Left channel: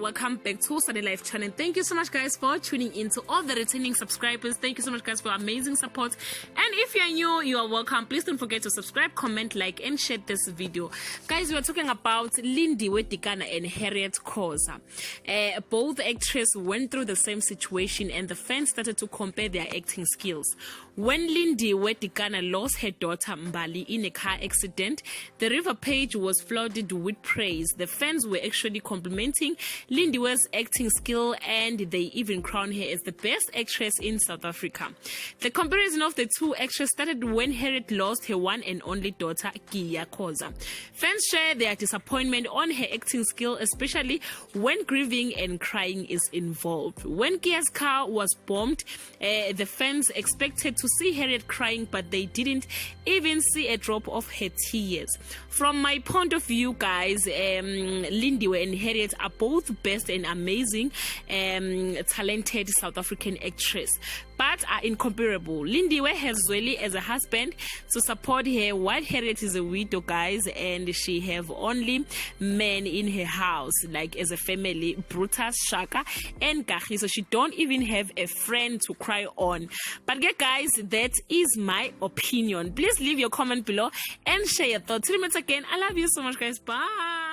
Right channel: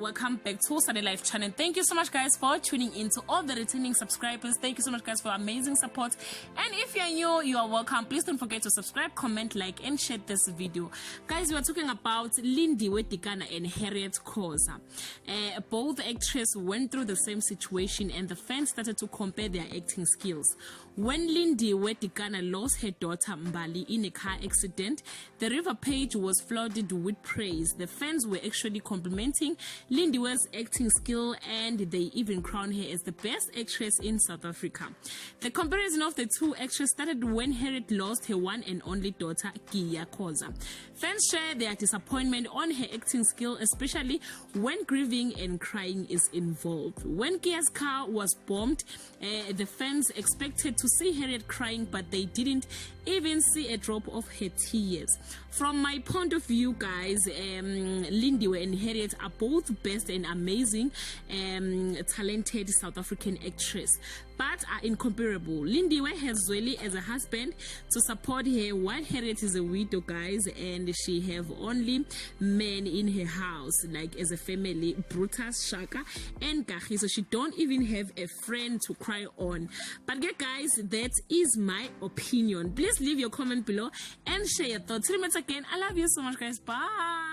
welcome back to Sunday Life channel. Thank you so much, guys, for tuning in. To all the returning subscribers, thank you so much, guys, for amazing support. And if you're new, you are welcome. Please don't forget to subscribe, comment, like, and share this video. Guys, we are talking about Lindiwe Tikana and Harriet Khoza. Both actresses went through the same situation, and the fans started to compare their acting skills. When Lindiwe Tikana lost her daughter Mbali in a car accident, the River page was flooded with praise. The fans were actually complimenting Lindiwe's acting skill, and they even crowned her as the best actress in South Africa. The comparison of the two actresses started when Harriet lost her one and only daughter, Kia Khoza. Fans shared their disappointment on her acting skill, especially when grieving and crying is involved. When Kia's car was bombed, the fans expected to see Harriet crying, but they didn't even see a drop of her tears. From my point of view, guys, Lindiwe and Harriet are both best and amazing talented South African actress, but are incomparable. Lindiwe has Zweli as a husband to support her, while Harriet is a widow, guys, and she have only men in her house, like as a family, Brutus, Shaka, and Kahi. So she don't even have a friend to cry on. But yeah, guys, that is my opinion. Please leave your comment below and share your thoughts. Till we meet again, I love you so much, guys. Bye.